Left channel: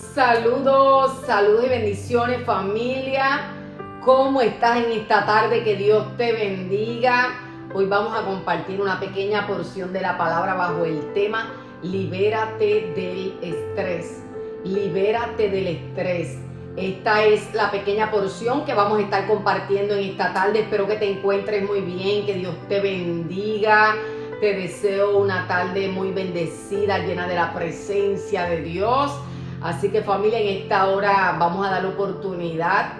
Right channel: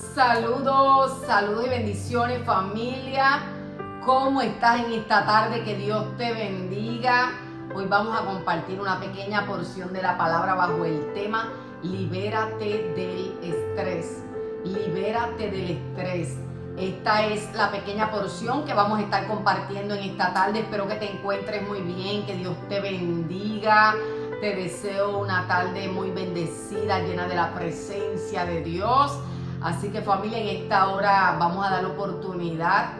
Saludos, saludos y bendiciones, familia. ¿Cómo estás en esta tarde? Que Dios te bendiga. Hoy vamos a compartir una pequeña porción de la palabra bajo el tema Libérate del estrés. Libérate del estrés. Esta es la pequeña porción que vamos a estar compartiendo en esta tarde. Espero que te encuentres muy bien, que Dios te bendiga. Te deseo una tarde muy bendecida, llena de la presencia de Dios. Así que, familia, en esta hora vamos a dar oportunidad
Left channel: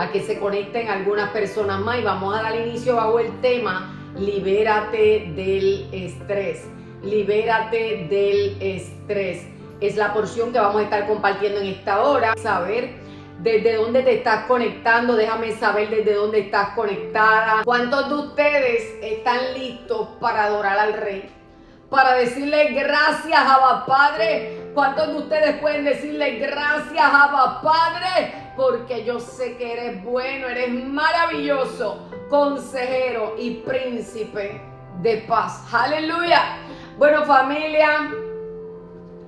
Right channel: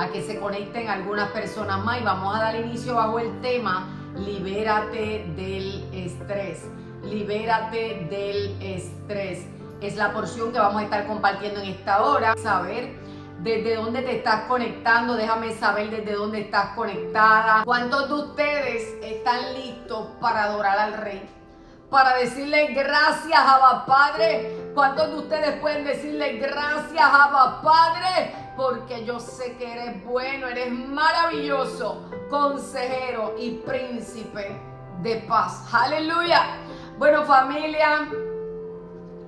a que se conecten algunas personas más y vamos a dar inicio bajo el tema Libérate del estrés. Libérate del estrés. Es la porción que vamos a estar compartiendo en esta hora. Saber desde dónde te estás conectando, déjame saber desde dónde estás conectada. ¿Cuántos de ustedes están listos para adorar al Rey? Para decirle gracias, Abba Padre. ¿Cuántos de ustedes pueden decirle gracias, Abba Padre? Porque yo sé que eres bueno, eres maravilloso, consejero y príncipe de paz. ¡Aleluya! Bueno, familia,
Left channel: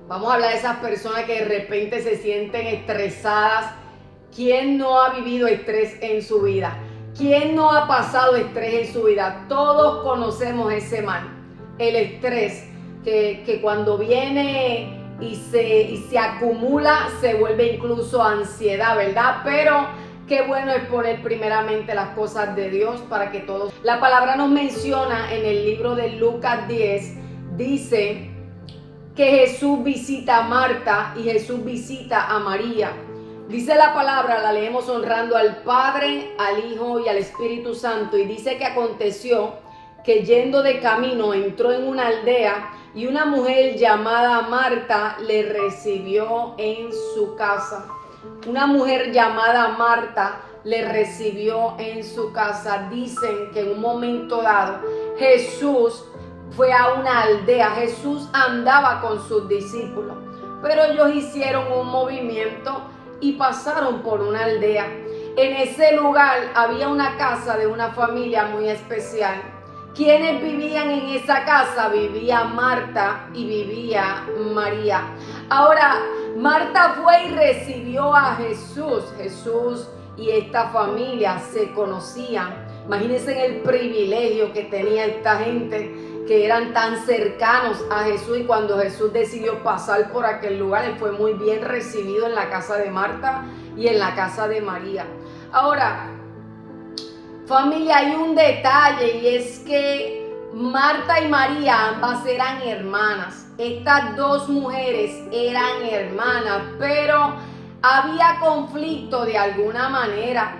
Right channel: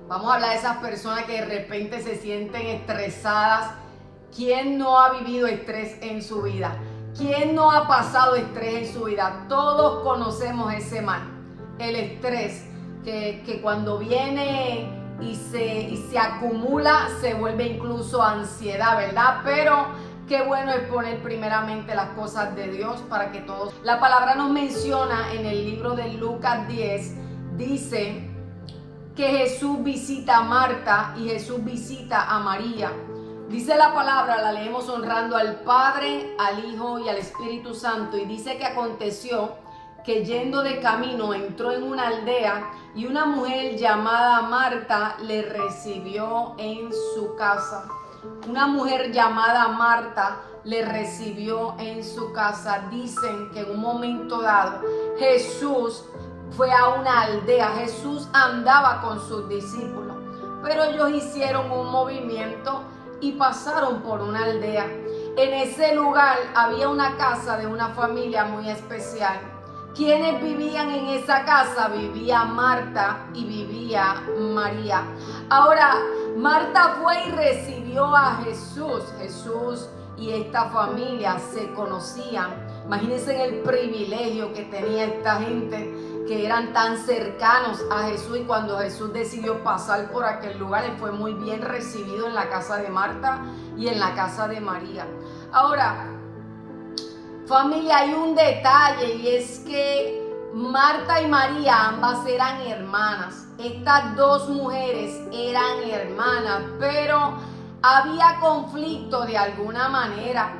vamos a hablar de esas personas que de repente se sienten estresadas. ¿Quién no ha vivido estrés en su vida? ¿Quién no ha pasado estrés en su vida? Todos conocemos ese mal. El estrés que cuando viene y se acumula se vuelve incluso ansiedad, ¿verdad? Pero qué bueno es poner primeramente las cosas de Dios para que todos... La palabra nos menciona en el libro de Lucas 10, dice que Jesús visita a Marta y Jesús visita a María. Dice la palabra, la leemos honrando al Padre, al Hijo y al Espíritu Santo, y dice que aconteció que yendo de camino entró en una aldea y una mujer llamada Marta le recibió en su casa. Una mujer llamada Marta le recibió en su casa. Dicen que en un momento dado Jesús fue a una aldea. Jesús andaba con sus discípulos, pero ellos hicieron un movimiento y pasaron por una aldea. En ese lugar había una casa de una familia muy especial. ¿Quiénes vivían en esa casa? Vivía Marta y vivía María. Ahora, Marta fue y recibió a Jesús. Jesús y esta familia se conocían. Imagínense el privilegio que tenía esta gente, que eran tan cercanos a Jesús, y cuando Jesús decidió pasar por aquel lugar, él fue muy bien recibido en la casa de Marta y en la casa de María. Ahora, familia, hay un detalle, y es que Marta y María ambas eran hermanas. Estas dos mujeres eran hermanas, pero había conflicto de alguna manera,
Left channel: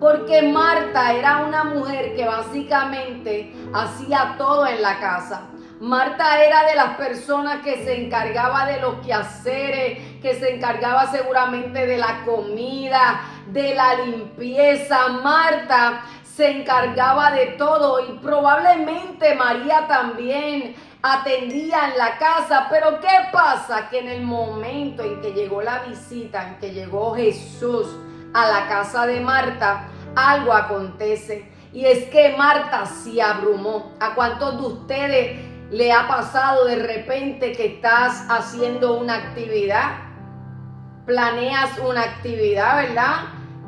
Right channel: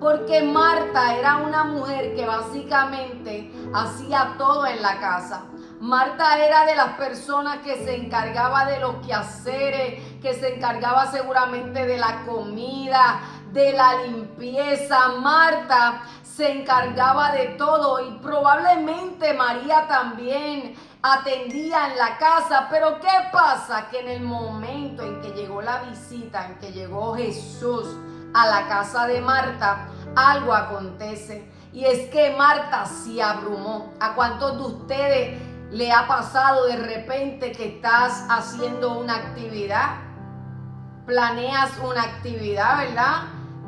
porque Marta era una mujer que básicamente hacía todo en la casa. Marta era de las personas que se encargaba de los quehaceres, que se encargaba seguramente de la comida, de la limpieza. Marta se encargaba de todo, y probablemente María también atendía en la casa. Pero ¿qué pasa? Que en el momento en que llegó la visita, en que llegó Jesús a la casa de Marta, algo acontece, y es que Marta se abrumó. ¿A cuántos de ustedes le ha pasado de repente que estás haciendo una actividad? Planeas una actividad, ¿verdad?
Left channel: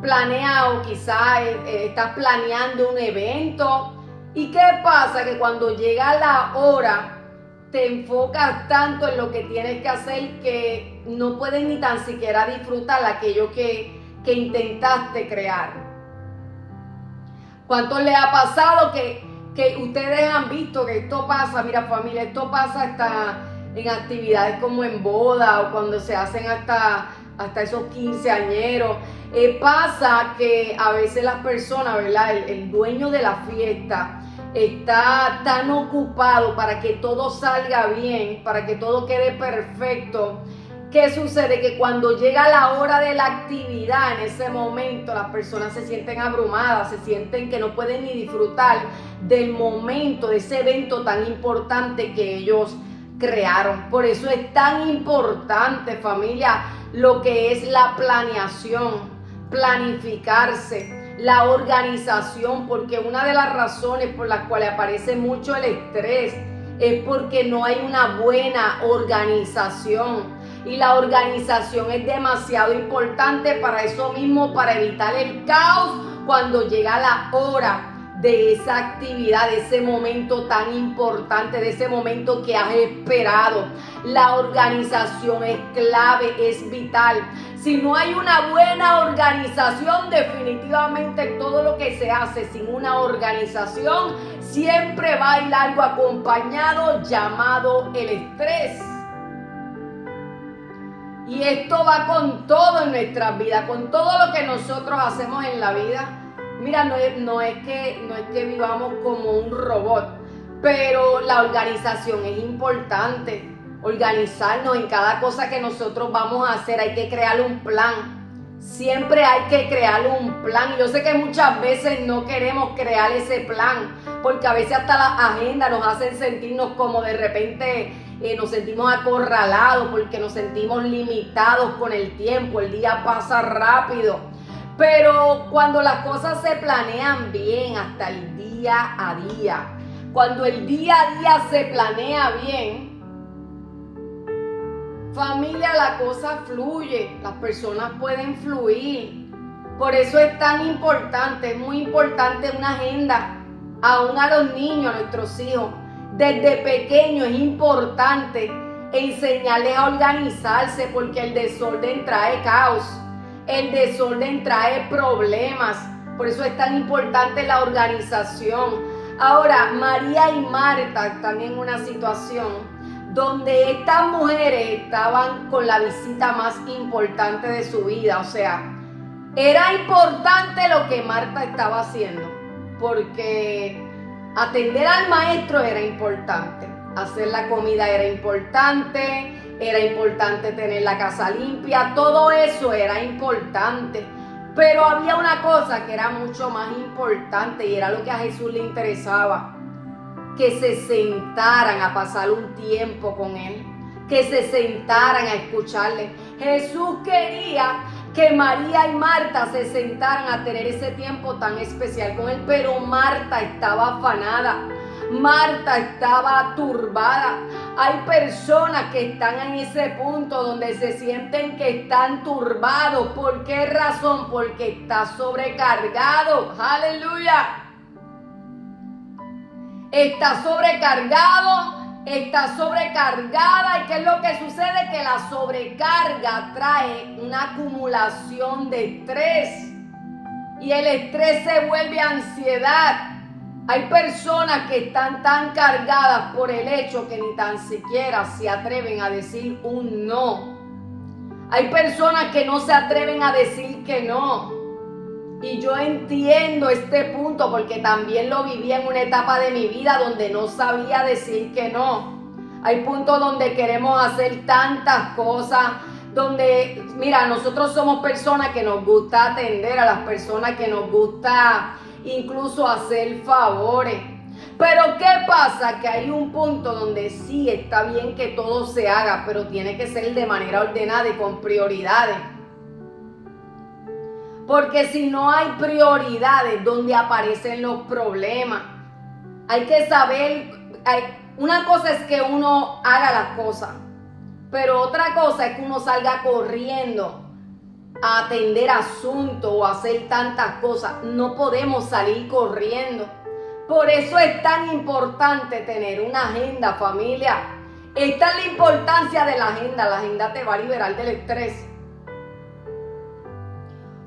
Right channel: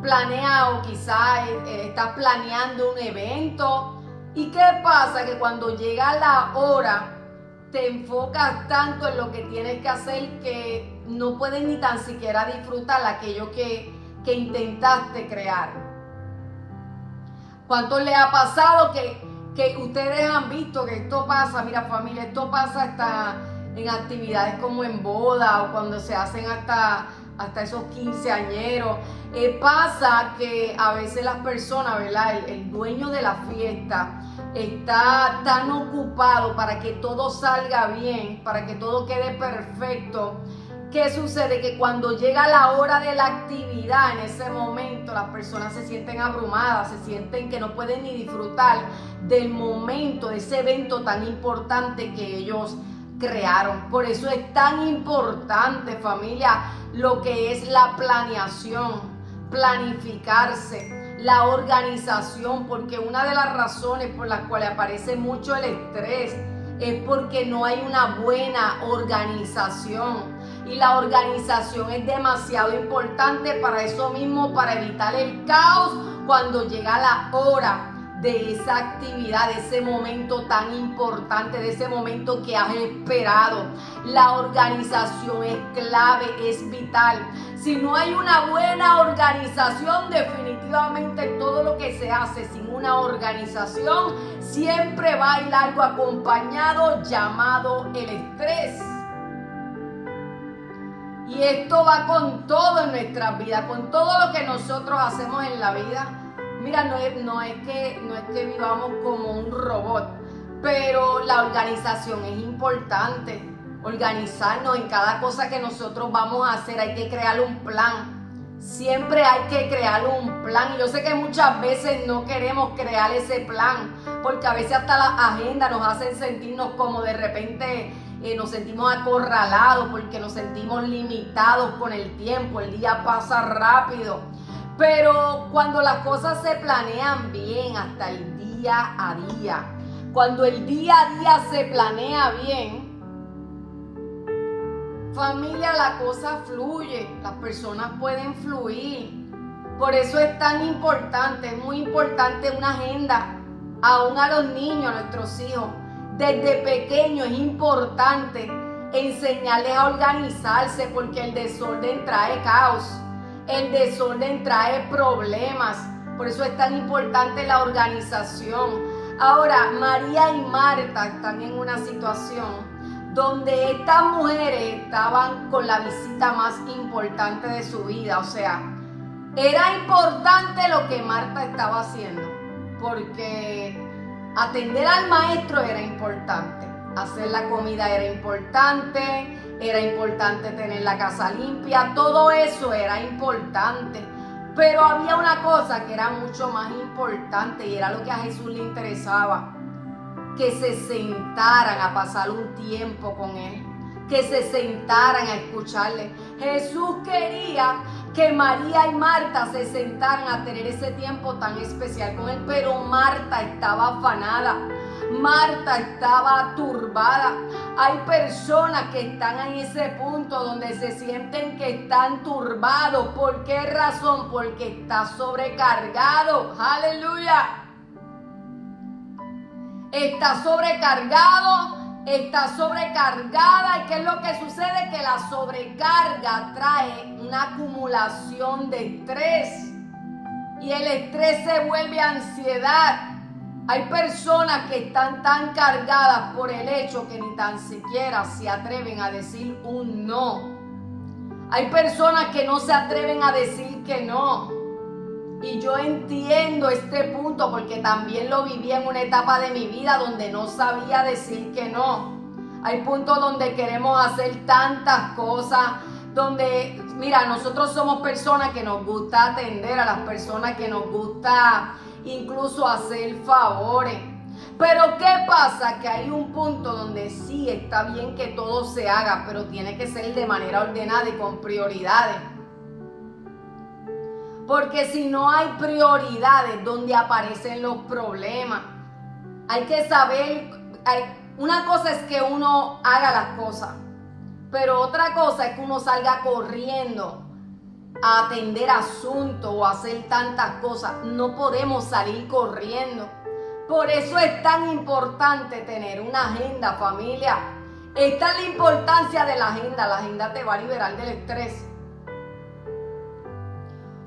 Planeas, o quizás estás planeando un evento. ¿Y qué pasa? Que cuando llega la hora te enfocas tanto en lo que tienes que hacer que no puedes ni tan siquiera disfrutar aquello que intentaste crear. ¿Cuántos les ha pasado que ustedes han visto que esto pasa? Mira, familia, esto pasa hasta en actividades como en boda, o cuando se hacen hasta esos quinceañeros. Pasa que a veces las personas, ¿verdad? El dueño de la fiesta está tan ocupado para que todo salga bien, para que todo quede perfecto. ¿Qué sucede? Que cuando llega la hora de la actividad, en ese momento las personas se sienten abrumadas, se sienten que no pueden ni disfrutar del momento, de ese evento tan importante que ellos crearon. Por eso es tan importante, familia, lo que es la planeación, planificarse, la organización, porque una de las razones por las cuales aparece mucho el estrés es porque no hay una buena organización. Y la organización es demasiado importante para eso mismo, para evitar el caos cuando llega la hora de esa actividad, de ese momento tan importante, de ese momento que has esperado. La organización es clave, es vital. Si no hay una buena organización, definitivamente todo lo que se hace sin una organización siempre va a ir algo acompañado llamado el estrés. Y esto va con todo en nuestras vidas, con todo lo que nosotros hacemos en la vida. Mira, no es que vivamos como un robot, pero la organización es importante. Organizarnos en cada cosa que nosotros vamos a hacer, hay que crear un plan. Siempre hay que crear un plan. Yo sé que muchas veces no queremos crear ese plan, porque a veces hasta las agendas nos hacen sentirnos como de repente nos sentimos acorralados, porque nos sentimos limitados con el tiempo. El día pasa rápido. Pero cuando las cosas se planean bien, hasta el día a día, cuando el día a día se planea bien, familia, la cosa fluye, las personas pueden fluir. Por eso es tan importante, es muy importante una agenda, aún a los niños, a nuestros hijos. Desde pequeños es importante enseñarles a organizarse, porque el desorden trae caos. El desorden trae problemas. Por eso es tan importante la organización. Ahora, María y Marta están en una situación donde estas mujeres estaban con la visita más importante de su vida. O sea, era importante lo que Marta estaba haciendo, porque atender al maestro era importante, hacer la comida era importante tener la casa limpia, todo eso era importante. Pero había una cosa que era mucho más importante, y era lo que a Jesús le interesaba: que se sentaran a pasar un tiempo con Él, que se sentaran a escucharle. Jesús quería que María y Marta se sentaran a tener ese tiempo tan especial con Él, pero Marta estaba afanada, Marta estaba turbada. Hay personas que están en ese punto donde se sienten que están turbados. ¿Por qué razón? Porque está sobrecargado. ¡Aleluya! Está sobrecargado, está sobrecargada. ¿Y qué es lo que sucede? Que la sobrecarga trae una acumulación de estrés, y el estrés se vuelve ansiedad. Hay personas que están tan cargadas por el hecho que ni tan siquiera se atreven a decir un no. Hay personas que no se atreven a decir que no. Y yo entiendo este punto, porque también lo viví en una etapa de mi vida donde no sabía decir que no. Hay puntos donde queremos hacer tantas cosas, donde, mira, nosotros somos personas que nos gusta atender a las personas, que nos gusta incluso hacer favores. Pero ¿qué pasa? Que hay un punto donde sí está bien que todo se haga, pero tiene que ser de manera ordenada y con prioridades. Porque si no hay prioridades, ¿dónde aparecen los problemas? Hay que saber, una cosa es que uno haga las cosas, pero otra cosa es que uno salga corriendo a atender asuntos o a hacer tantas cosas. No podemos salir corriendo. Por eso es tan importante tener una agenda, familia. Esta es la importancia de la agenda. La agenda te va a liberar del estrés.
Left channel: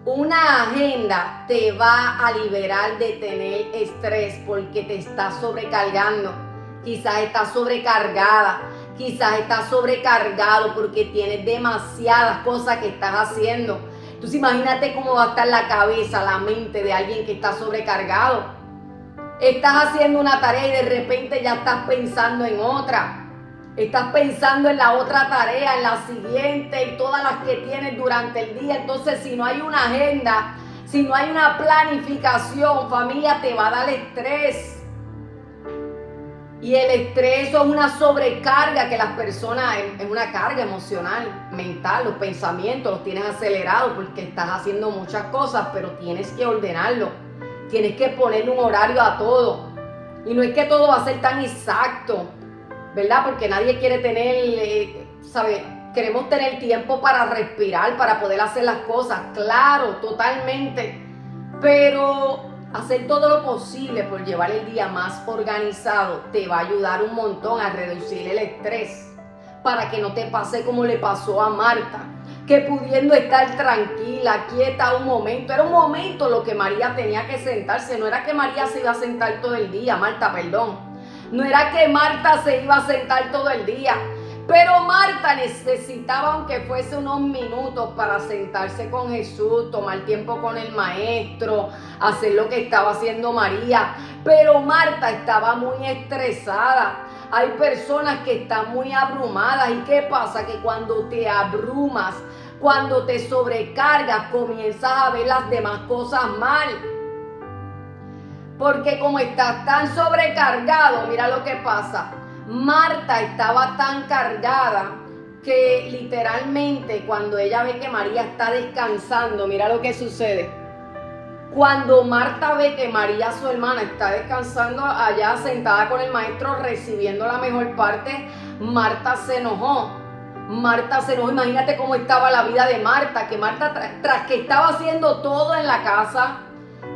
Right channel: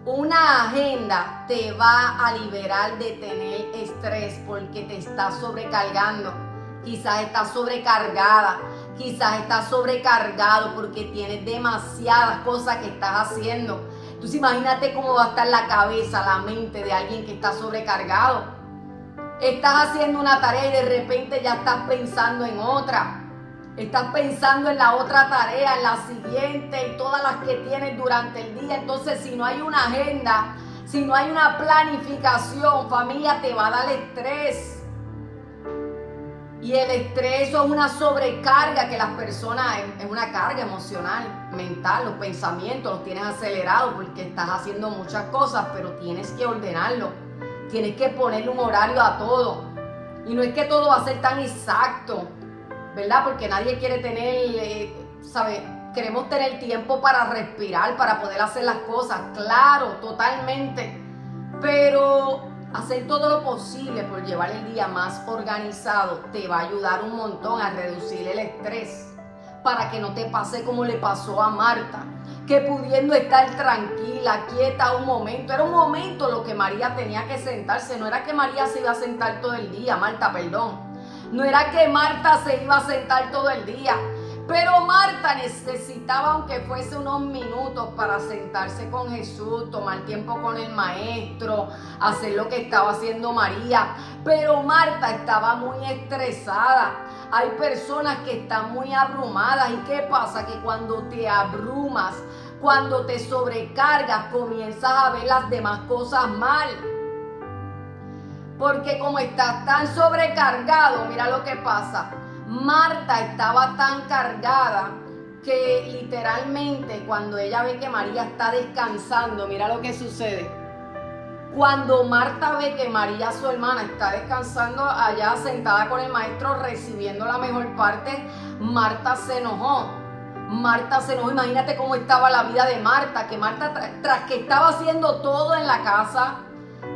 Una agenda te va a liberar de tener estrés, porque te está sobrecargando. Quizás estás sobrecargada. Quizás estás sobrecargado porque tienes demasiadas cosas que estás haciendo. Entonces imagínate cómo va a estar la cabeza, la mente de alguien que está sobrecargado. Estás haciendo una tarea y de repente ya estás pensando en otra. Estás pensando en la otra tarea, en la siguiente y todas las que tienes durante el día. Entonces, si no hay una agenda, si no hay una planificación, familia, te va a dar estrés. Y el estrés es una sobrecarga que las personas, es una carga emocional, mental, los pensamientos los tienes acelerados porque estás haciendo muchas cosas, pero tienes que ordenarlo. Tienes que ponerle un horario a todo. Y no es que todo va a ser tan exacto, ¿verdad? Porque nadie quiere tener, queremos tener tiempo para respirar, para poder hacer las cosas, claro, totalmente, pero hacer todo lo posible por llevar el día más organizado te va a ayudar un montón a reducir el estrés, para que no te pase como le pasó a Marta, que pudiendo estar tranquila, quieta un momento, era un momento lo que María tenía que sentarse, no era que María se iba a sentar todo el día, Marta, perdón, no era que Marta se iba a sentar todo el día, pero Marta necesitaba, aunque fuese unos minutos, para sentarse con Jesús, tomar tiempo con el maestro, hacer lo que estaba haciendo María, pero Marta estaba muy estresada. Hay personas que están muy abrumadas. ¿Y qué pasa? Que cuando te abrumas, cuando te sobrecargas, comienzas a ver las demás cosas mal. Porque como estás tan sobrecargado, mira lo que pasa. Marta estaba tan cargada que literalmente cuando ella ve que María está descansando, mira lo que sucede. Cuando Marta ve que María, su hermana, está descansando allá sentada con el maestro recibiendo la mejor parte, Marta se enojó. Imagínate cómo estaba la vida de Marta, que Marta tras que estaba haciendo todo en la casa,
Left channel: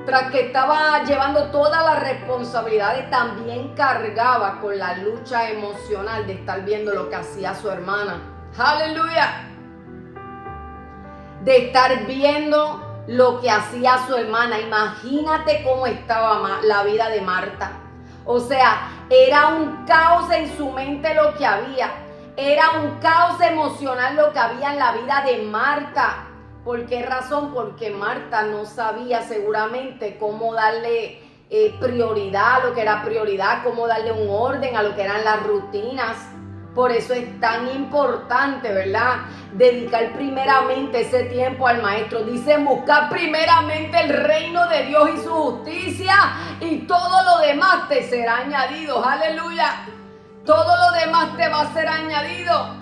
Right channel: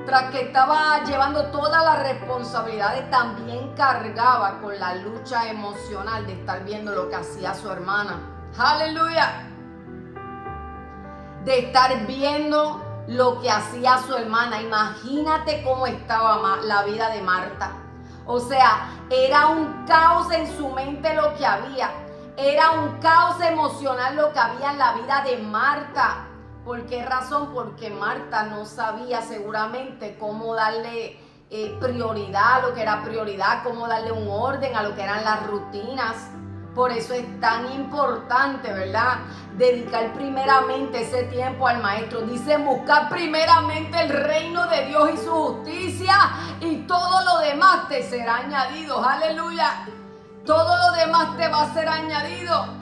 tras que estaba llevando todas las responsabilidades, también cargaba con la lucha emocional de estar viendo lo que hacía su hermana. ¡Aleluya! De estar viendo lo que hacía su hermana. Imagínate cómo estaba la vida de Marta. O sea, era un caos en su mente lo que había. Era un caos emocional lo que había en la vida de Marta. ¿Por qué razón? Porque Marta no sabía seguramente cómo darle prioridad a lo que era prioridad, cómo darle un orden a lo que eran las rutinas. Por eso es tan importante, ¿verdad?, dedicar primeramente ese tiempo al maestro. Dice, buscar primeramente el reino de Dios y su justicia, y todo lo demás te será añadido. Aleluya. Todo lo demás te va a ser añadido.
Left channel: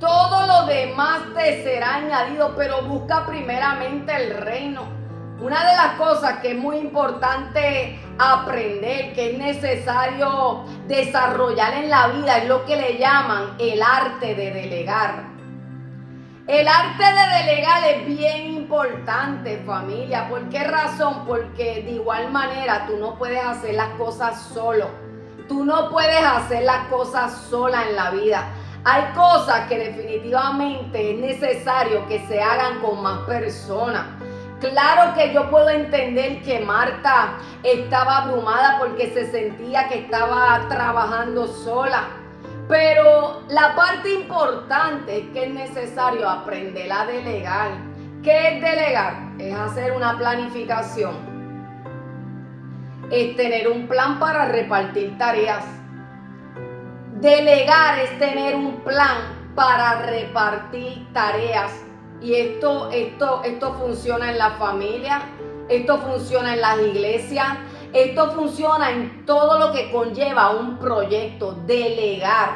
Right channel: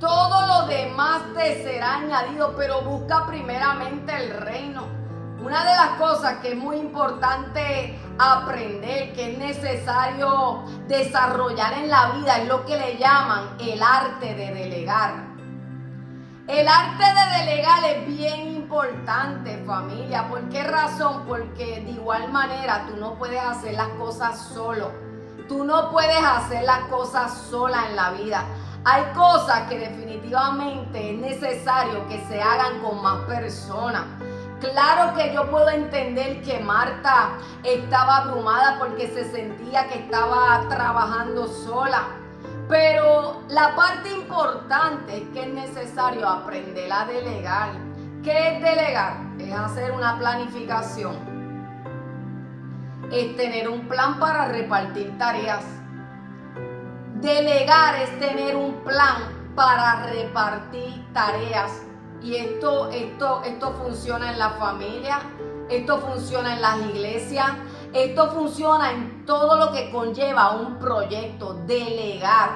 Todo lo demás te será añadido, pero busca primeramente el reino. Una de las cosas que es muy importante aprender, que es necesario desarrollar en la vida, es lo que le llaman el arte de delegar. El arte de delegar es bien importante, familia. ¿Por qué razón? Porque de igual manera tú no puedes hacer las cosas solo. Tú no puedes hacer las cosas sola en la vida. Hay cosas que definitivamente es necesario que se hagan con más personas. Claro que yo puedo entender que Marta estaba abrumada porque se sentía que estaba trabajando sola. Pero la parte importante es que es necesario aprender a delegar. ¿Qué es delegar? Es hacer una planificación. Es tener un plan para repartir tareas. Delegar es tener un plan para repartir tareas. Y esto funciona en la familia, esto funciona en las iglesias, esto funciona en todo lo que conlleva un proyecto. Delegar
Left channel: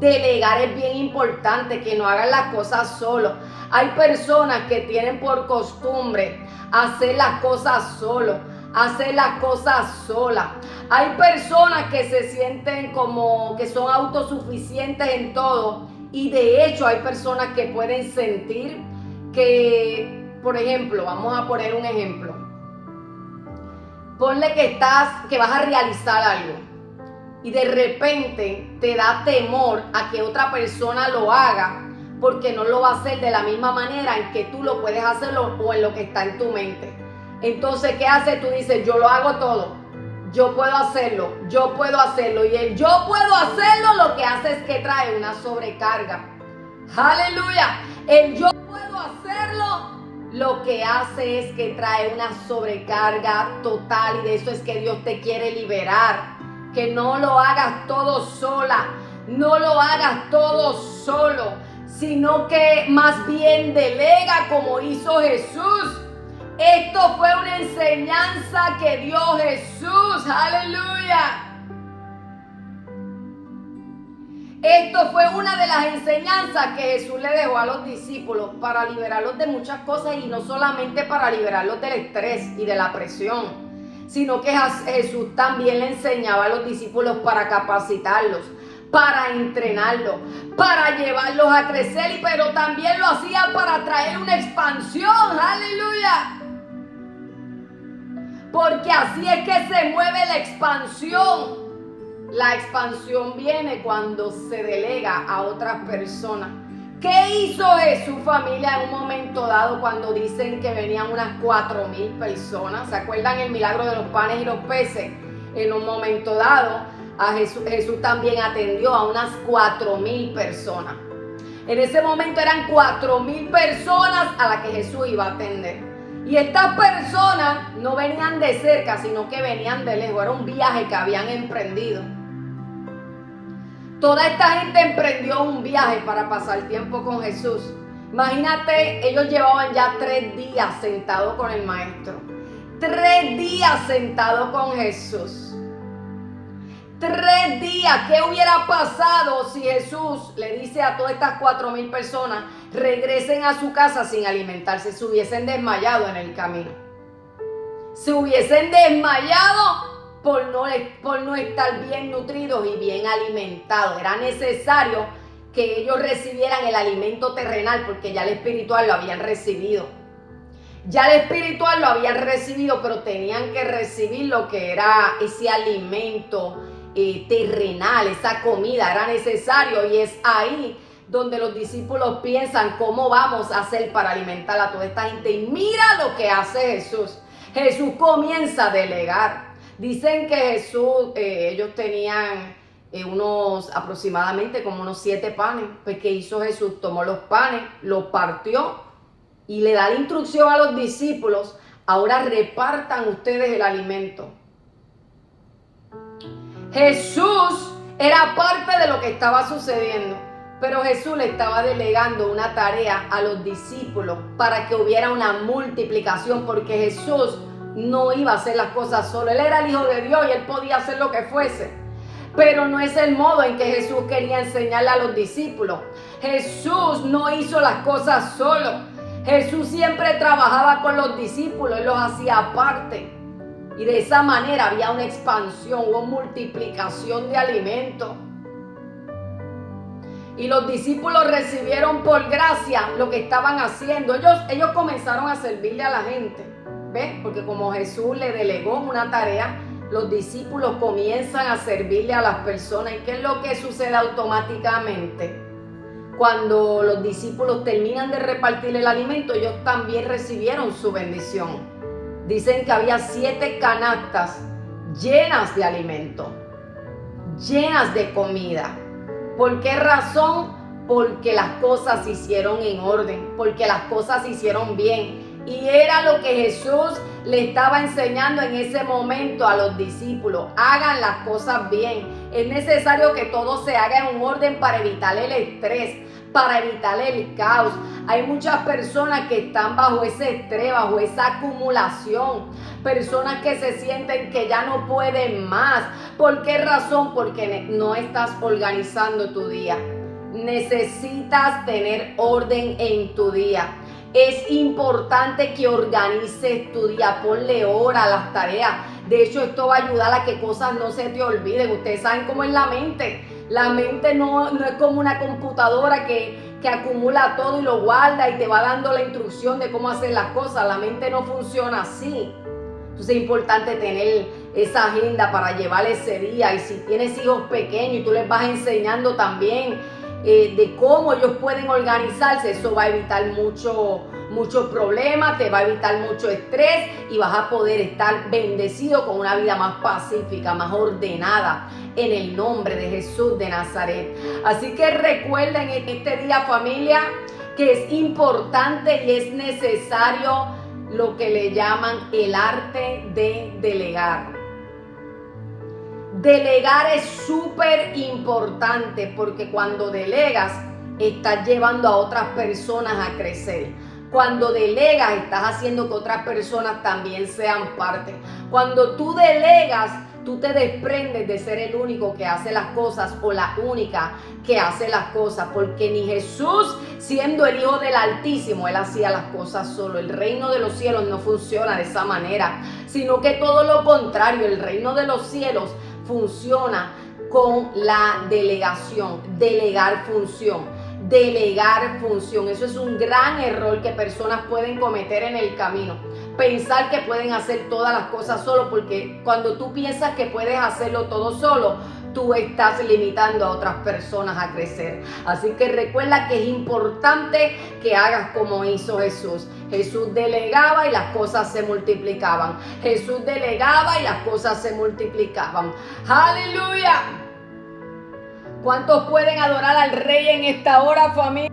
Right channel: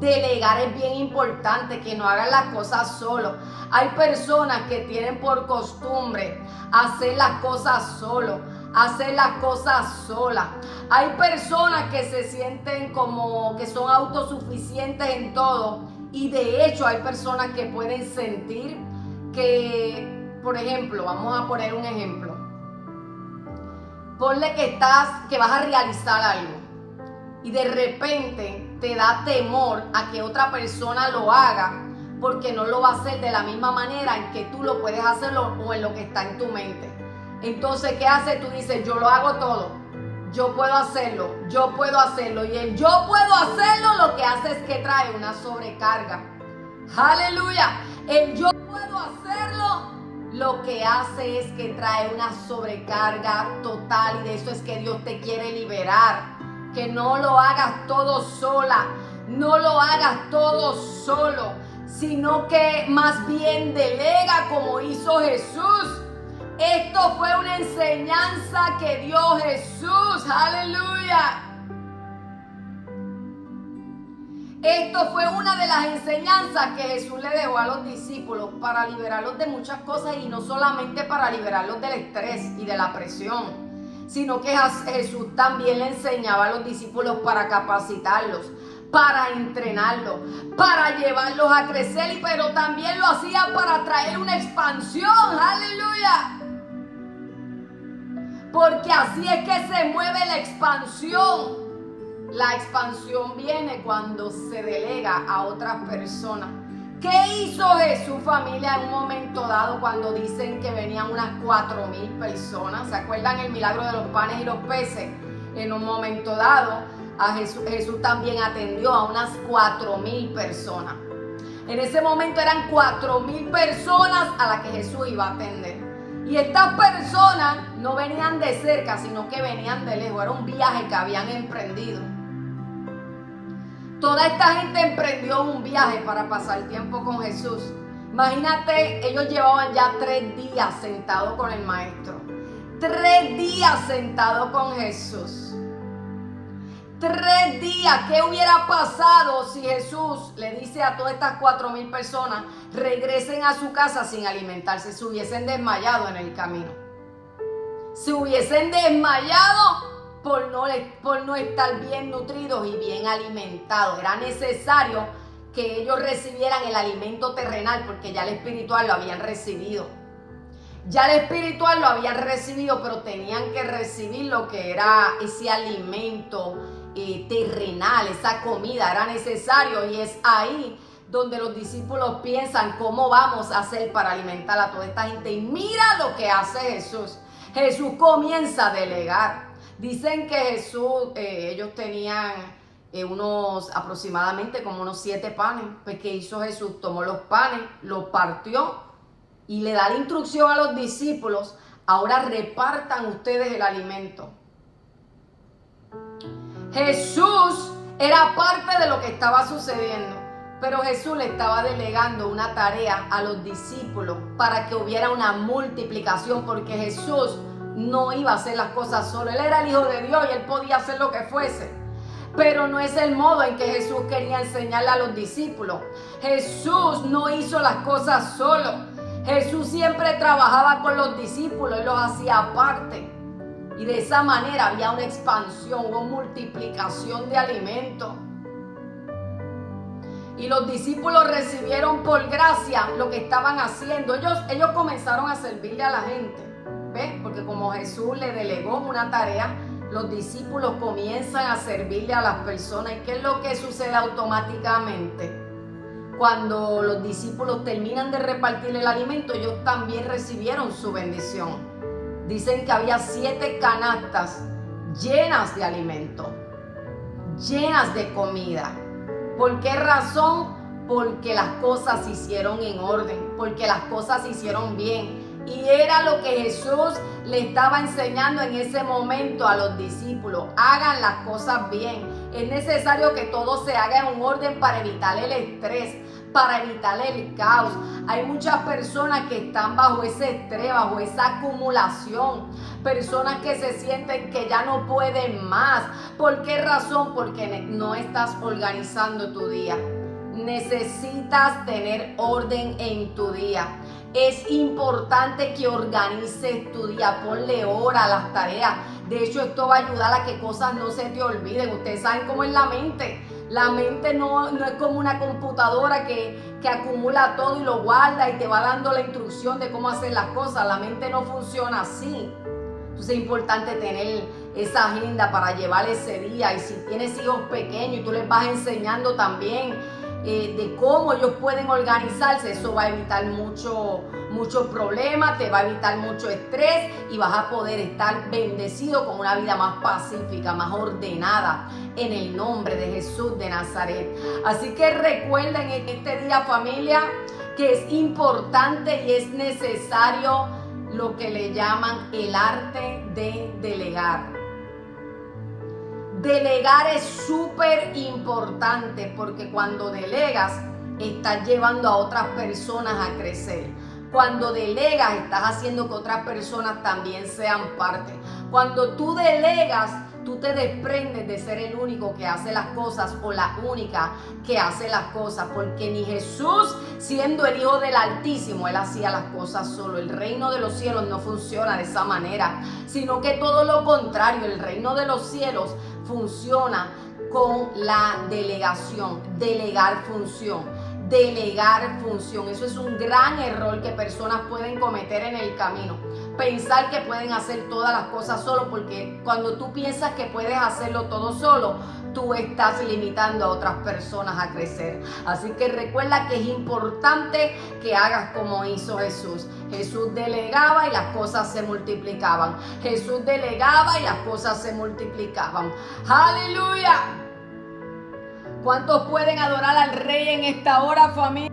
es bien importante, que no hagan las cosas solo. Hay personas que tienen por costumbre hacer las cosas solo, hacer las cosas solas. Hay personas que se sienten como que son autosuficientes en todo, y de hecho hay personas que pueden sentir que, por ejemplo, vamos a poner un ejemplo. Ponle que vas a realizar algo y de repente te da temor a que otra persona lo haga, porque no lo va a hacer de la misma manera en que tú lo puedes hacerlo o en lo que está en tu mente. Entonces, ¿qué haces? Tú dices, yo lo hago todo, yo puedo hacerlo, y el yo puedo hacerlo lo que hace es que trae una sobrecarga. ¡Aleluya! El yo puedo hacerlo lo que hace es que trae una sobrecarga total, y de eso es que Dios te quiere liberar. Que no lo hagas todo sola, no lo hagas todo solo, sino que más bien delega como hizo Jesús. Esto fue una enseñanza que dio Jesús. ¡Aleluya! Esto fue una de las enseñanzas que Jesús le dejó a los discípulos para liberarlos de muchas cosas, y no solamente para liberarlos del estrés y de la presión, sino que Jesús también le enseñaba a los discípulos para capacitarlos, para entrenarlos, para llevarlos a crecer, pero también lo hacía para traer una expansión. ¡Aleluya! Porque así es que se mueve la expansión. La expansión viene cuando se delega a otras personas. ¿Qué hizo Jesús, familia, en un momento dado cuando dicen que venían unas 4,000 personas? ¿Se acuerdan el milagro de los panes y los peces? En un momento dado, Jesús también atendió a unas 4,000 personas. En ese momento eran 4,000 personas a las que Jesús iba a atender. Y estas personas no venían de cerca, sino que venían de lejos. Era un viaje que habían emprendido. Toda esta gente emprendió un viaje para pasar tiempo con Jesús. Imagínate, ellos llevaban ya 3 días sentados con el Maestro. 3 días sentados con Jesús. 3 días. ¿Qué hubiera pasado si Jesús le dice a todas estas 4,000 personas: regresen a su casa sin alimentarse? Se hubiesen desmayado en el camino. Se hubiesen desmayado por no estar bien nutridos y bien alimentados. Era necesario que ellos recibieran el alimento terrenal, porque ya el espiritual lo habían recibido. Ya el espiritual lo habían recibido, pero tenían que recibir lo que era ese alimento terrenal, esa comida. Era necesario, y es ahí donde los discípulos piensan: ¿cómo vamos a hacer para alimentar a toda esta gente? Y mira lo que hace Jesús. Jesús comienza a delegar. Dicen que Jesús, ellos tenían aproximadamente como unos 7 panes. Pues ¿qué hizo Jesús? Tomó los panes, los partió y le da la instrucción a los discípulos: ahora repartan ustedes el alimento. Jesús era parte de lo que estaba sucediendo, pero Jesús le estaba delegando una tarea a los discípulos para que hubiera una multiplicación, porque Jesús no iba a hacer las cosas solo. Él era el Hijo de Dios y él podía hacer lo que fuese, pero no es el modo en que Jesús quería enseñarle a los discípulos. Jesús no hizo las cosas solo. Jesús siempre trabajaba con los discípulos y los hacía aparte. Y de esa manera había una expansión, una multiplicación de alimentos. Y los discípulos recibieron por gracia lo que estaban haciendo. Ellos comenzaron a servirle a la gente. ¿Ves? Porque como Jesús le delegó una tarea, los discípulos comienzan a servirle a las personas. ¿Y qué es lo que sucede automáticamente? Cuando los discípulos terminan de repartir el alimento, ellos también recibieron su bendición. Dicen que había 7 canastas llenas de alimento, llenas de comida. ¿Por qué razón? Porque las cosas se hicieron en orden, porque las cosas se hicieron bien. Y era lo que Jesús le estaba enseñando en ese momento a los discípulos: hagan las cosas bien. Es necesario que todo se haga en un orden para evitar el estrés, para evitar el caos. Hay muchas personas que están bajo ese estrés, bajo esa acumulación. Personas que se sienten que ya no pueden más. ¿Por qué razón? Porque no estás organizando tu día. Necesitas tener orden en tu día. Es importante que organices tu día. Ponle hora a las tareas. De hecho, esto va a ayudar a que cosas no se te olviden. Ustedes saben cómo es la mente. La mente no es como una computadora que acumula todo y lo guarda y te va dando la instrucción de cómo hacer las cosas. La mente no funciona así. Entonces es importante tener esa agenda para llevar ese día. Y si tienes hijos pequeños y tú les vas enseñando también de cómo ellos pueden organizarse, eso va a evitar muchos problemas, te va a evitar mucho estrés y vas a poder estar bendecido con una vida más pacífica, más ordenada, en el nombre de Jesús de Nazaret. Así que recuerden en este día, familia, que es importante y es necesario lo que le llaman el arte de delegar. Delegar es súper importante, porque cuando delegas estás llevando a otras personas a crecer. Cuando delegas estás haciendo que otras personas también sean parte. Cuando tú delegas, tú te desprendes de ser el único que hace las cosas o la única que hace las cosas, porque ni Jesús, siendo el Hijo del Altísimo, él hacía las cosas solo. El reino de los cielos no funciona de esa manera, sino que todo lo contrario. El reino de los cielos funciona con la delegación, delegar función. Delegar función. Eso es un gran error que personas pueden cometer en el camino. Pensar que pueden hacer todas las cosas solo, porque cuando tú piensas que puedes hacerlo todo solo, tú estás limitando a otras personas a crecer. Así que recuerda que es importante que hagas como hizo Jesús. Jesús delegaba y las cosas se multiplicaban. Jesús delegaba y las cosas se multiplicaban. ¡Aleluya! ¿Cuántos pueden adorar al Rey en esta hora, familia?